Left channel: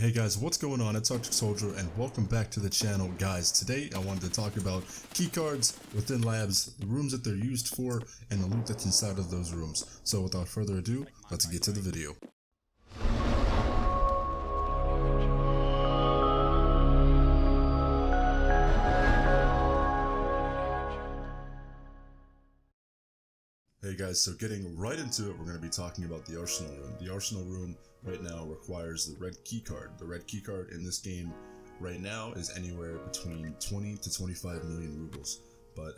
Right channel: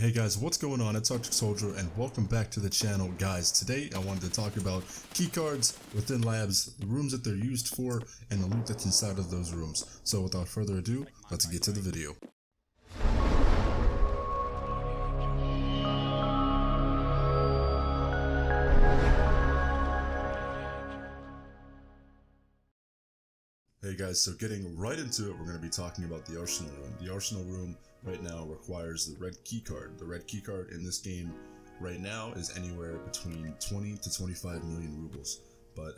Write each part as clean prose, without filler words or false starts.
Hey guys, what's going on? It's Arcticsoldier and welcome back to the channel. Guys, today I wanted to talk about keycards within labs, the rooms that they're used for, and the loot that's inside of those rooms. So without further ado, let's get to the video. Hey guys, so getting right into it, we're going to be talking about the Arsenal room. The Arsenal room right now requires the red keycard. The red keycard in this game right now is anywhere between 20 to 25 million rubles. But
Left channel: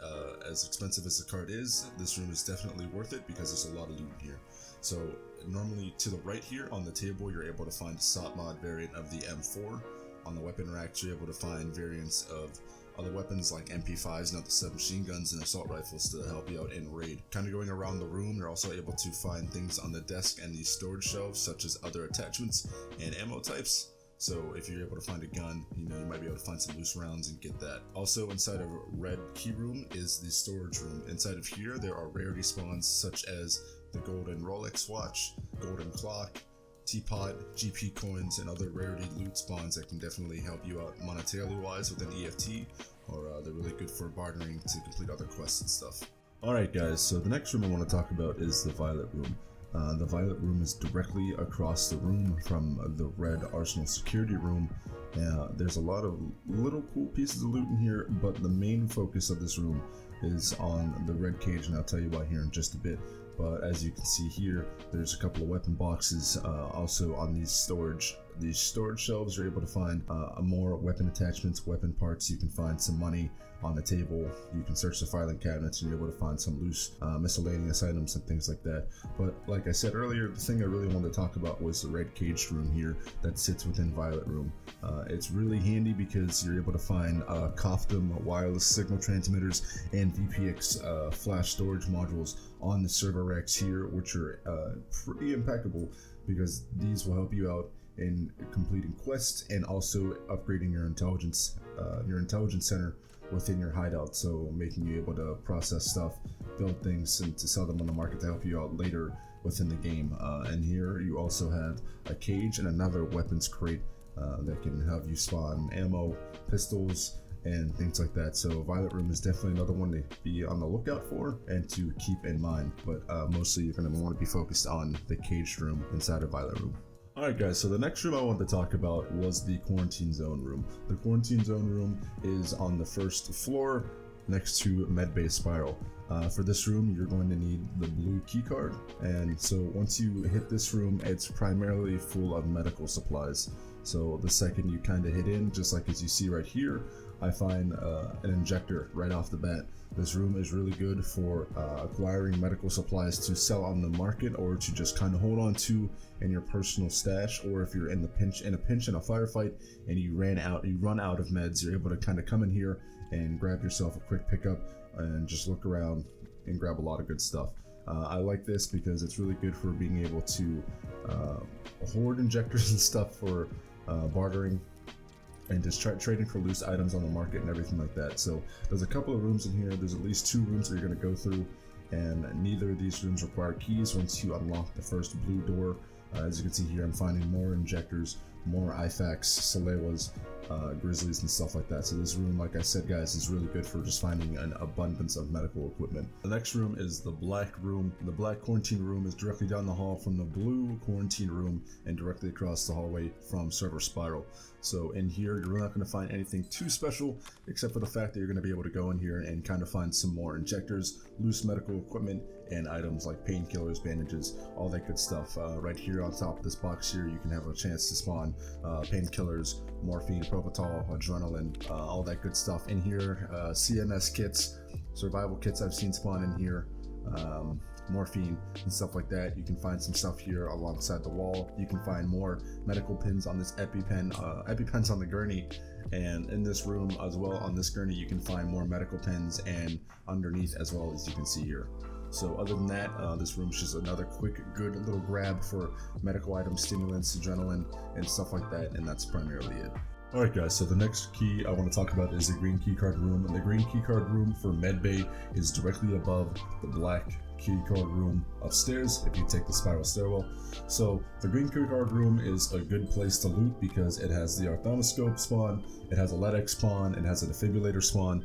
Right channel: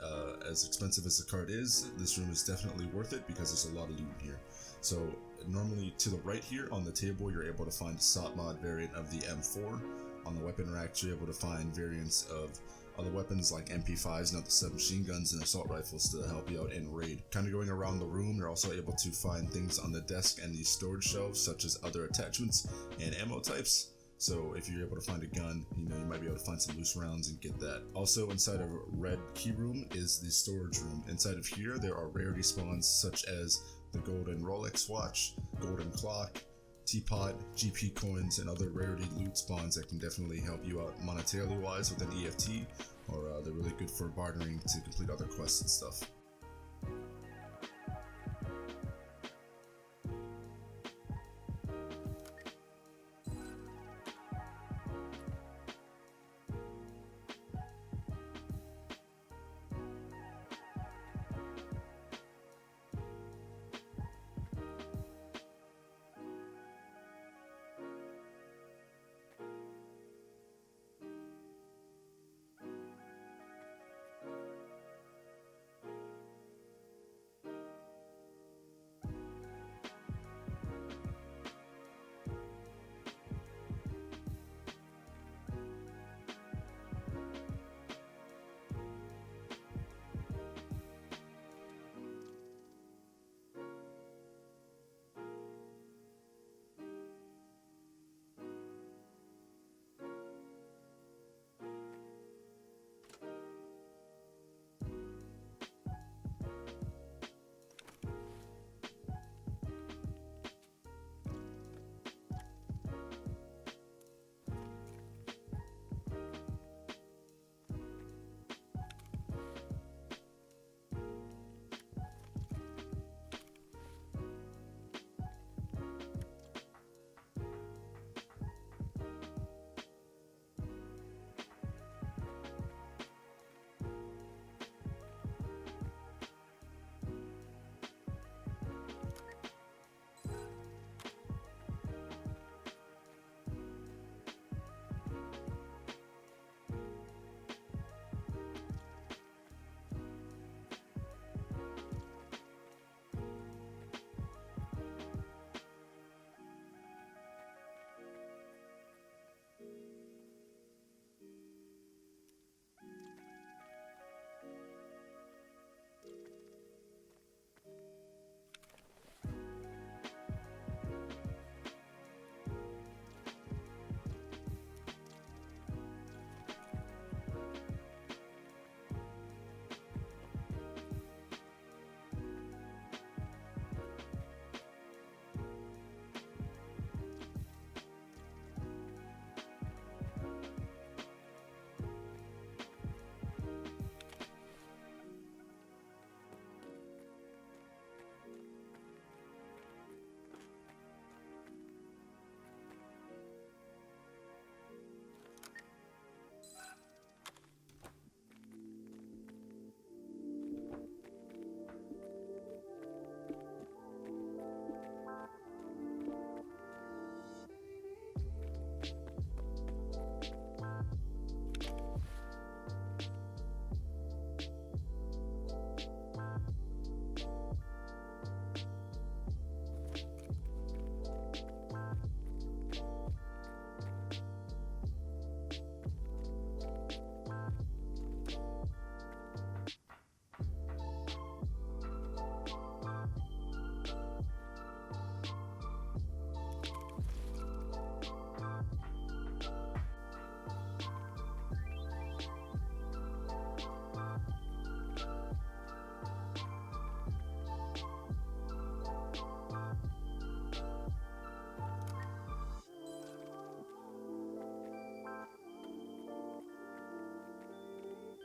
as expensive as the card is, this room is definitely worth it because there's a lot of loot in here. So normally to the right here on the table, you're able to find the SOT mod variant of the M4. On the weapon rack, you're able to find variants of other weapons like MP5s, not the submachine guns, and assault rifles to help you out in raid. Kind of going around the room, you're also able to find things on the desk and the storage shelves, such as other attachments and ammo types. So if you're able to find a gun, you might be able to find some loose rounds and get that. Also inside of red key room is the storage room. Inside of here, there are rarity spawns such as the golden Rolex watch, golden clock, teapot, GP coins, and other rarity loot spawns that can definitely help you out monetarily wise with an EFT, or they're really good for bartering to complete other quests and stuff. Alright guys, so the next room I want to talk about is the violet room. The violet room is directly across the room from the red arsenal security room. There's a lot of little cool pieces of loot in here, but the main focus of this room is on the red cage, and I'll tell you why here in just a bit. But as you can see here, there's a couple of weapon boxes. Also on these storage shelves, you're able to find more weapon attachments, weapon parts. You can find some money on the table. You can search the filing cabinets and you're able to find some loose miscellaneous items and things like that. But like I said earlier, the thing I really wanted to talk about was the red caged room here that sits within violet room. It's really handy because you're able to find COFDM wireless signal transmitters and VPX flash storage modules on the server racks here, which are pretty impeccable because these will help you out in completing quests and also upgrading your intelligence center within your hideout, so making you able to process stuff, build things, and to sell them on the market to help you out later within the game. And here you also have a cage and another weapons crate that can help you spawn ammo, pistols, and things like that. So violet room is definitely another one to be on the lookout for and to keep in mind, but mostly you're going to want to be focused on the caged room inside of violet room. Alright guys, so the next room I wanted to talk about was the quarantine zone room. The quarantine zone room is on the first floor next to medbay spiral. For this room, you're going to need the blue keycard, and so once you hit this room, it's primarily full of medical supplies. So the second you kind of hit in, just like as you see right here, I find an injector right off the bat. This room is really good for acquiring medical supplies to sell on the market, or to just kind of hold on to in your personal stash, or if you're in a pinch in a firefight and you run out of meds, you're able to kind of come in here and grab yourself a quick pickup and just look around and grab a lot of good stuff. I like this because it's really good for being able to hoard injectors and stuff for bartering and just trading for loose items on the market and everything like that. So there's a couple of rooms in here. There's at least 2 rooms that you're going to go through, and neither of these rooms require keys once you unlock the first blue door. As you can see here, I'm finding more injectors, more IFAKs, Salewas, Grizzlies, and stuff like that. So this room, like I said guys, is really good for just finding an abundance of medical equipment. The next room is the black room. The black quarantine room is directly down the hall from the blue quarantine room and directly across the hallway from server spiral. So in here, you're not going to find anything too special, except for the fact that you're going to be able to go in here and kind of find some more injectors, loose medical equipment, and items like painkillers, bandages, all that good stuff. Right here on top of this box here, you can have a chance to spawn painkillers, morphine, propital, adrenaline, all that good stuff in here. CMS kits, survival kits I've seen spawn in here. Morphine and stuff like that. You can find some stuff here alongside the wall. You can find more medical pins on this EpiPens on the gurney, and in this room as well on this gurney you can find more medical pens and underneath as well, as you can see here. So other than that, this room is just another quick good little grab for medical items, stimulants, adrenaline, and stuff like that, and that's primarily it. Alright guys, so the next key I want to talk about is the green keycard room. And the green keycard room for medbay is directly above the black keycard room upstairs if you take the spiral stairwell. So the green keycard room is a good place to loot because it has the ophthalmoscope spawn, it has a LAKEY spawn, it has a defibrillator spawn.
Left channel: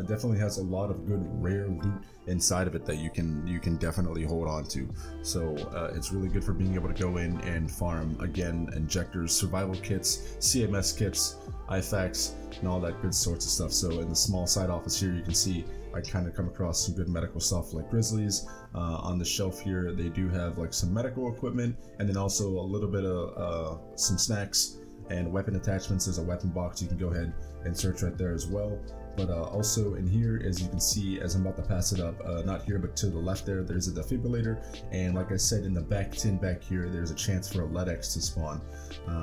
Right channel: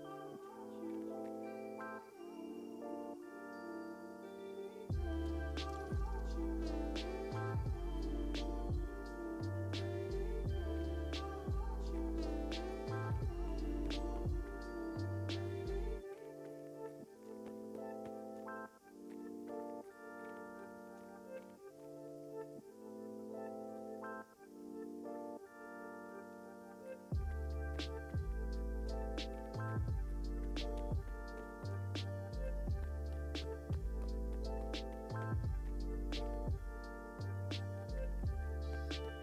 It definitely has a lot of good rare loot inside of it that you can definitely hold on to. So it's really good for being able to go in and farm again injectors, survival kits, CMS kits, IFAKs, and all that good sorts of stuff. So in the small side office here, you can see I kind of come across some good medical stuff like Grizzlies. On the shelf here, they do have like some medical equipment, and then also a little bit of some snacks and weapon attachments. There's a weapon box you can go ahead and search right there as well. But also in here, as you can see, as I'm about to pass it up, not here but to the left there's a defibrillator, and like I said, in the back tin back here, there's a chance for a LEDX to spawn.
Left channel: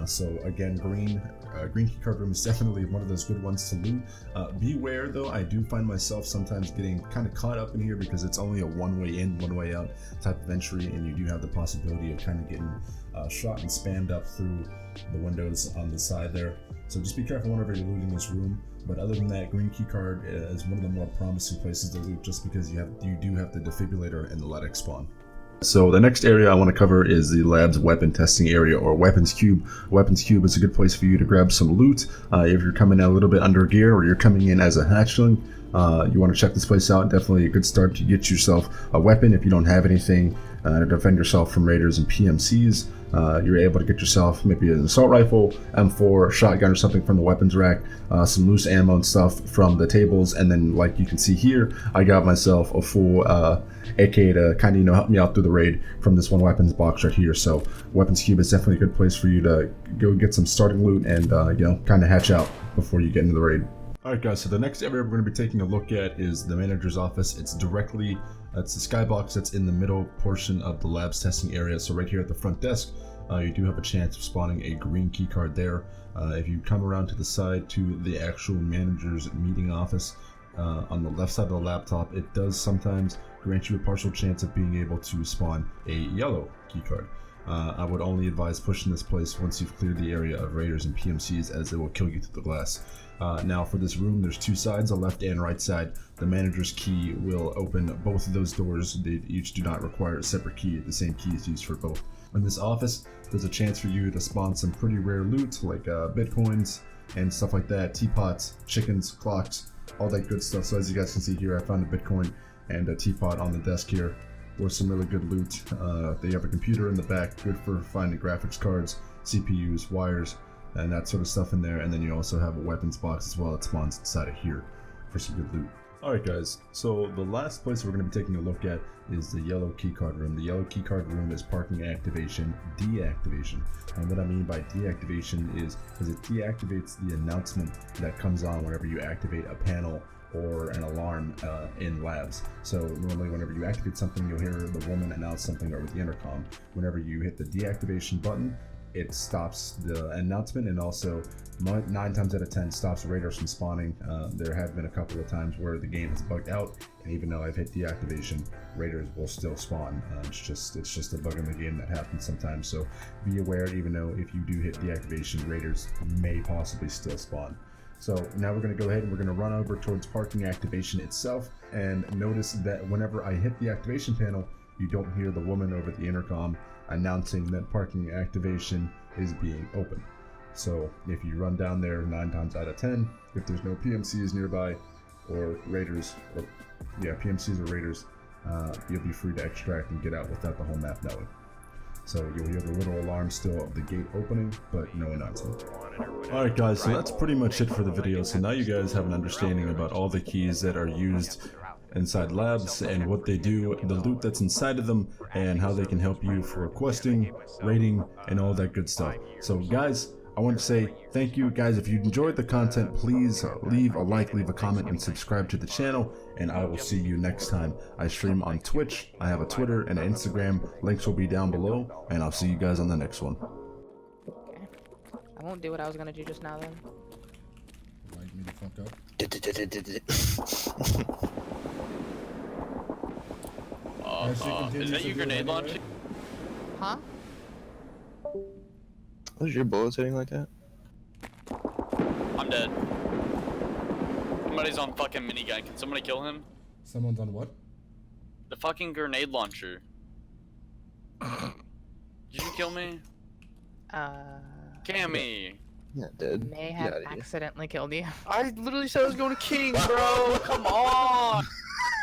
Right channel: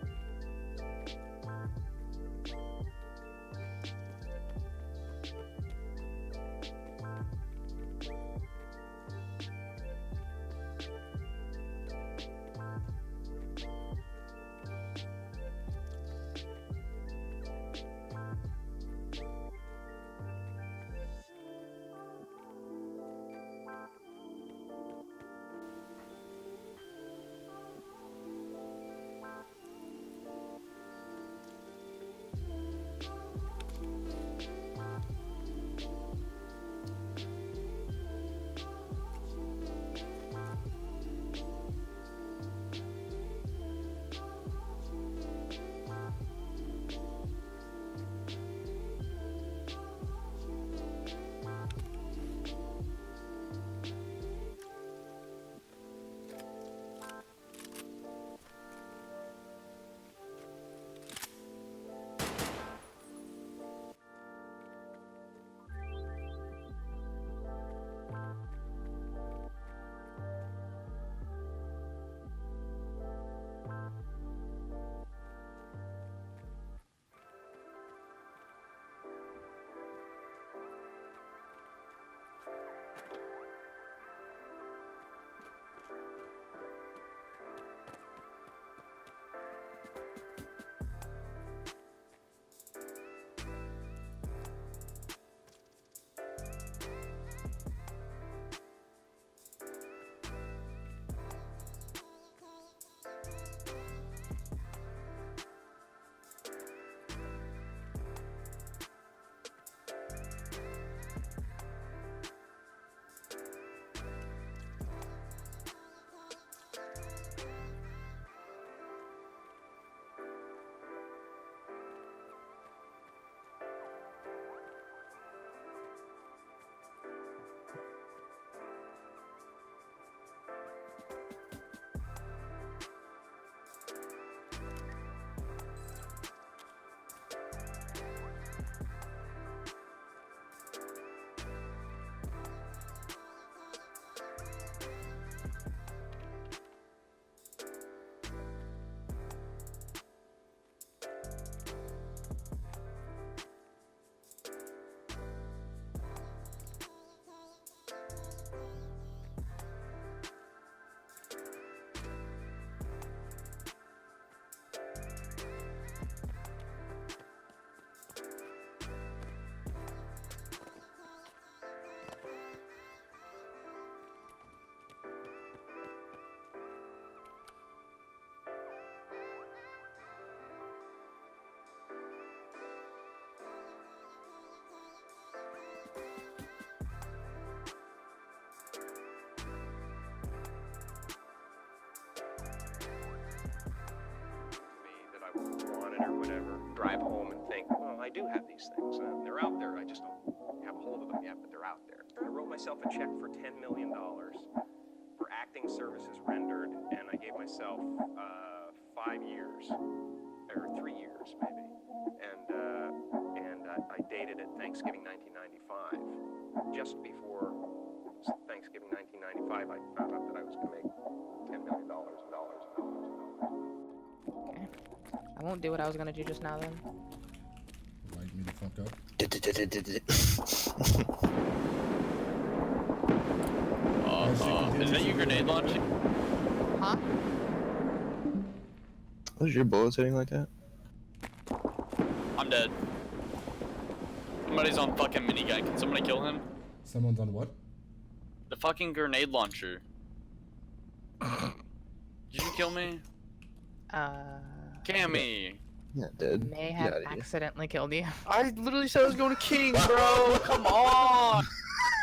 So again, green keycard room is definitely one of those good ones to loot. Beware though, I do find myself sometimes getting kind of caught up in here because it's only a one way in, one way out type of entry, and you do have the possibility of kind of getting shot and spammed up through the windows on the side there. So just be careful whenever you're looting this room. But other than that, green keycard is one of the more promising places to loot just because you do have the defibrillator and the LEDX spawn. So the next area I want to cover is the lab's weapon testing area, or weapons cube. Weapons cube is a good place for you to grab some loot. If you're coming in a little bit under gear, or you're coming in as a hatchling, you want to check this place out. Definitely a good start to get yourself a weapon if you don't have anything to defend yourself from raiders and PMCs. You're able to get yourself maybe an assault rifle, M4, shotgun or something from the weapons rack, some loose ammo and stuff from the tables, and then like you can see here, I got myself a full AK to kind of help me out through the raid from this one weapons box right here. So weapons cube is definitely a good place for you to go get some starting loot and kind of hatch out before you get into the raid. Alright guys, so the next area we're going to be taking a look at is the manager's office. That's the skybox that's in the middle portion of the lab's testing area. So right here at the front desk, you do have a chance of spawning a green keycard there. If you come around to the side to the actual manager's meeting office, on the left side of the laptop, it does sometimes grant you a partial chance of being able to spawn a yellow keycard. I would only advise pushing this place once you've cleared the area of raiders and PMCs, as it will kill you through the glass. Now for this room, there's two sides, the left and right side. The manager's key will open both of those doors. They each do not require a separate key. The same key is used for both. In this office, there's a chance for you to spawn some pretty rare loot like bitcoins and stuff like that, teapots, chickens, clocks, all that good stuff. So as you guys can see here, I found a bitcoin and a teapot on the desk here. Or some really good loot. They have a computer in the back, good for finding graphics cards, CPUs, wires, and that sort of stuff in there. And then you also have a weapons box as well that spawns inside of here for some good loot. Alright guys, so the last place we're going to be taking a look at is the yellow keycard room. The yellow keycard room is parking activation, deactivation. And what I mean by deactivation is because it deactivates the announcement that comes on whenever you activate a panel or an alarm in labs. So normally whenever you activate something, you'll hear the woman announce something over the intercom. Whenever you hit the deactivation button, it stops the announcement, and also 9 times out of 10 stops raiders from spawning. There have been a couple of times where the game is bugged out, and even though I've hit deactivation, raiders will still spawn. It's just a bug in the game that happens sometimes. So be aware, even though if you do hit deactivation, raiders may possibly still spawn. So now we're going to go ahead and we're going to run over towards parking activation itself, and notice that whenever I hit the activation panel, you don't hear the woman over the intercom announcing that parking activation is being open. So if you run down there 9 times out of 10, if there's no PMCs nearby or raiders, PMCs or raiders, you'll be free to extract and get out without the whole map knowing. So you'll hear the little alarm still of the gate opening, but no announcement. Alright guys, so that's pretty much it for the video. So now you guys have an understanding about all the keys that are used inside labs and what they do, the loot that's inside of them, and how they can help you for questing, raiding, and all that good stuff. So guys, I want to say thank you guys. If you enjoyed the content, please leave a like, leave a comment, and subscribe to the channel. And I will see you next time. I stream on Twitch, I have a Twitter and an Instagram, links will be down below, and I'll see you guys on the next one. Okay. I won't do what I was gonna do just now then. Light me the fuck up. Is that your grenade launching? Huh? Was your bullets hitting like that? I'm dead. Somebody's on fucking minigun. Can somebody kill him? Someone's on what? The fucking grenade launcher. Did you kill me? Cammy. Yeah, dude. May have accidentally killed you. I literally said I was going to King, bro. Come on.